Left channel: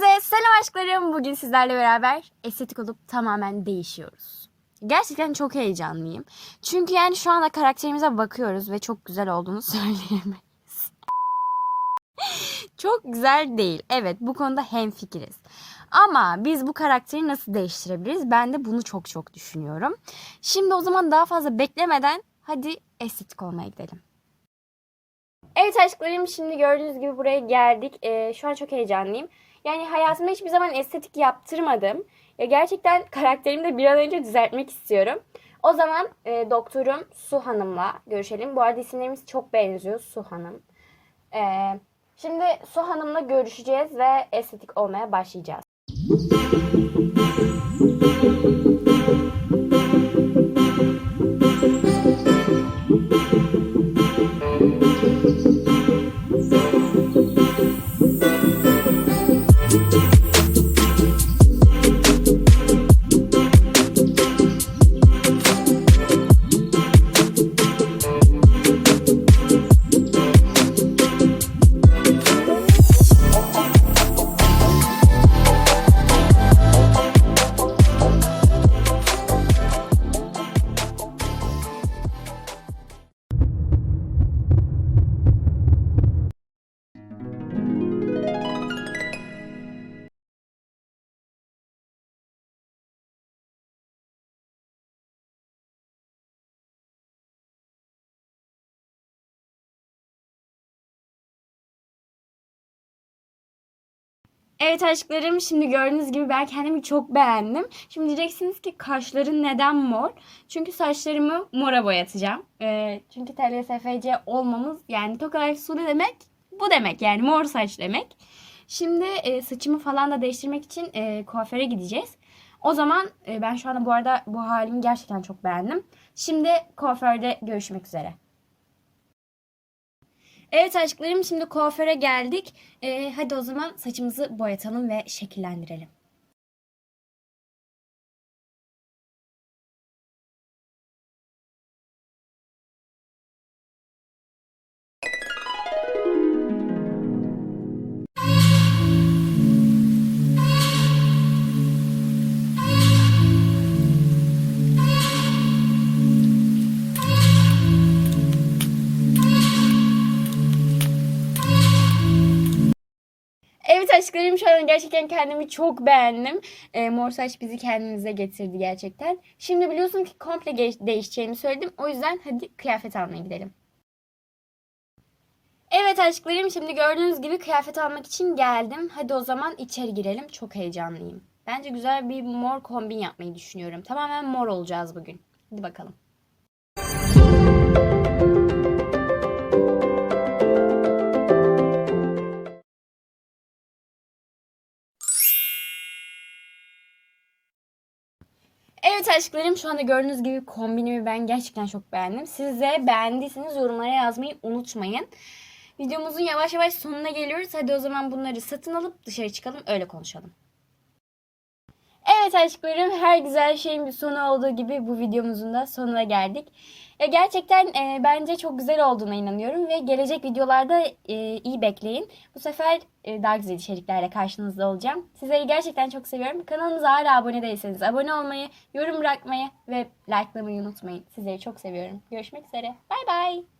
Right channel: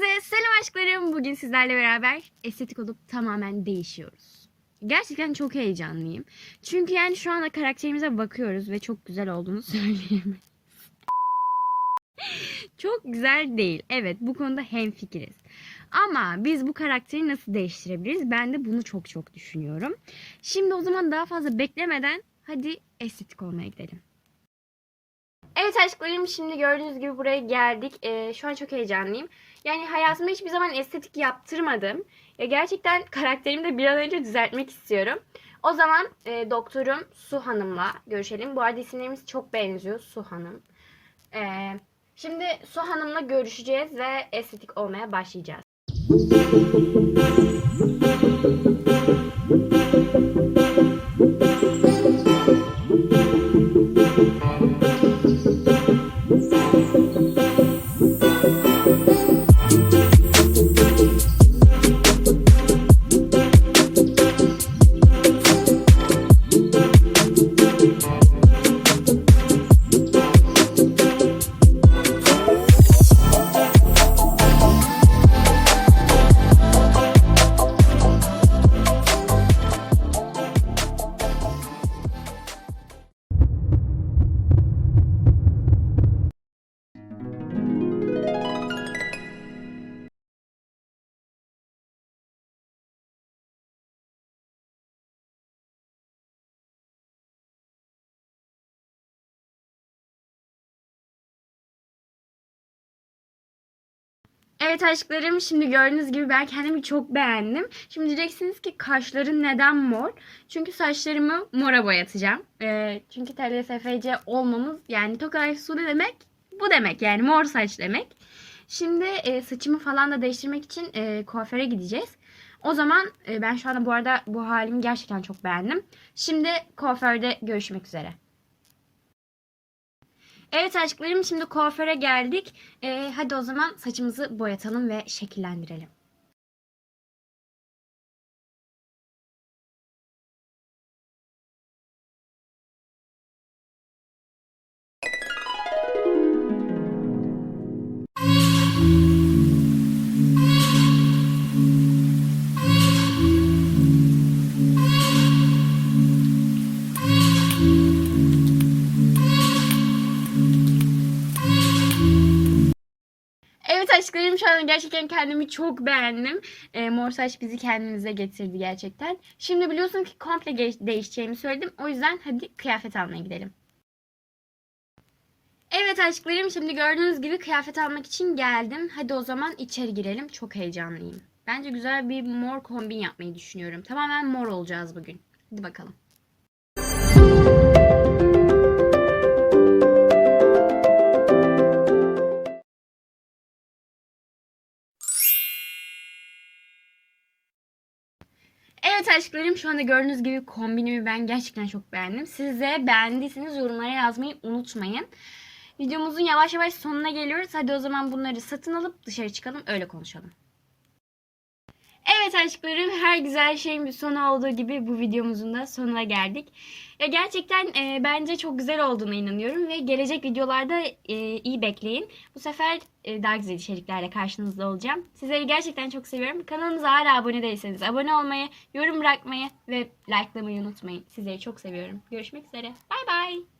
Hepinize selam aşklarım. Bugün sizlerle beraber estetik olup tamamen değişiyoruz. Gerçekten çok heyecanlıyım. Çünkü yani şu anda karakterimize bakıyoruz ve çok güzel olduğunu söyleyemeyiz. çok güzel değil. Evet bu konuda hemfikiriz. Ama biz bu karakteri nasıl değiştirebiliriz? Ben de bunu çok çok düşünüyorum. Şimdi o zaman daha fazla beklemeden hadi estetik olmaya gidelim. Evet aşklarım şimdi gördüğünüz gibi buraya geldik. Ee, şu an çok heyecanlıyım. Yani hayatımda hiçbir zaman estetik yaptırmadım. Ya gerçekten karakterimi de bir an önce düzeltmek istiyorum. O zaman e, doktorum Su Hanım'la görüşelim. Bu arada isimlerimiz çok benziyor Su Hanım. Ee, şimdi Su Hanım'la görüşeceğiz ve estetik olmaya başlayacağız. Evet aşklarım şimdi gördüğünüz gibi ben kendimi çok beğendim. Şimdi diyeceksiniz ki kaşların neden mor? Çünkü saçlarımı mora boyatacağım. Ee, çünkü TLSFC olmamız yani Tokay Su ne demek? Bu demek yani mor saç demek. Şimdi e, saçımı falan da değiştirmek için e, kuaföre gideceğiz. O zaman e, ben şu anda bu arada bu halimi gerçekten çok beğendim. Şimdi kuaförde görüşmek üzere. Evet aşklarım şimdi kuaföre geldik. Ee, hadi o zaman saçımızı boyatalım ve şekillendirelim. Aşklarım şu an gerçekten kendimi çok beğendim. E, mor saç bizi kendimize getirdi gerçekten. Şimdi biliyorsun ki komple değişeceğimi söyledim. O yüzden hadi kıyafet almaya gidelim. Evet aşklarım şimdi gördüğünüz gibi kıyafet almak için geldim. Hadi o zaman içeri girelim. Çok heyecanlıyım. Bence güzel bir mor kombin yapmayı düşünüyorum. Tamamen mor olacağız bugün. Hadi bakalım. Evet aşklarım şu anda gördüğünüz gibi kombinimi ben gerçekten çok beğendim. Siz de beğendiyseniz yorumlara yazmayı unutmayın. Videomuzun yavaş yavaş sonuna geliyoruz. Hadi o zaman bunları satın alıp dışarı çıkalım öyle konuşalım. Evet aşklarım her güzel şeyin bir sonu olduğu gibi bu videomuzun da sonuna geldik. Ya gerçekten e, bence çok güzel olduğuna inanıyorum ve gelecek videolarda e, iyi bekleyin. Bu sefer e, daha güzel içeriklerle karşınızda olacağım. Sizleri gerçekten çok seviyorum. Kanalımıza hala abone değilseniz abone olmayı, yorum bırakmayı ve likelamayı unutmayın. Sizleri çok seviyorum. Görüşmek üzere. Bay bay.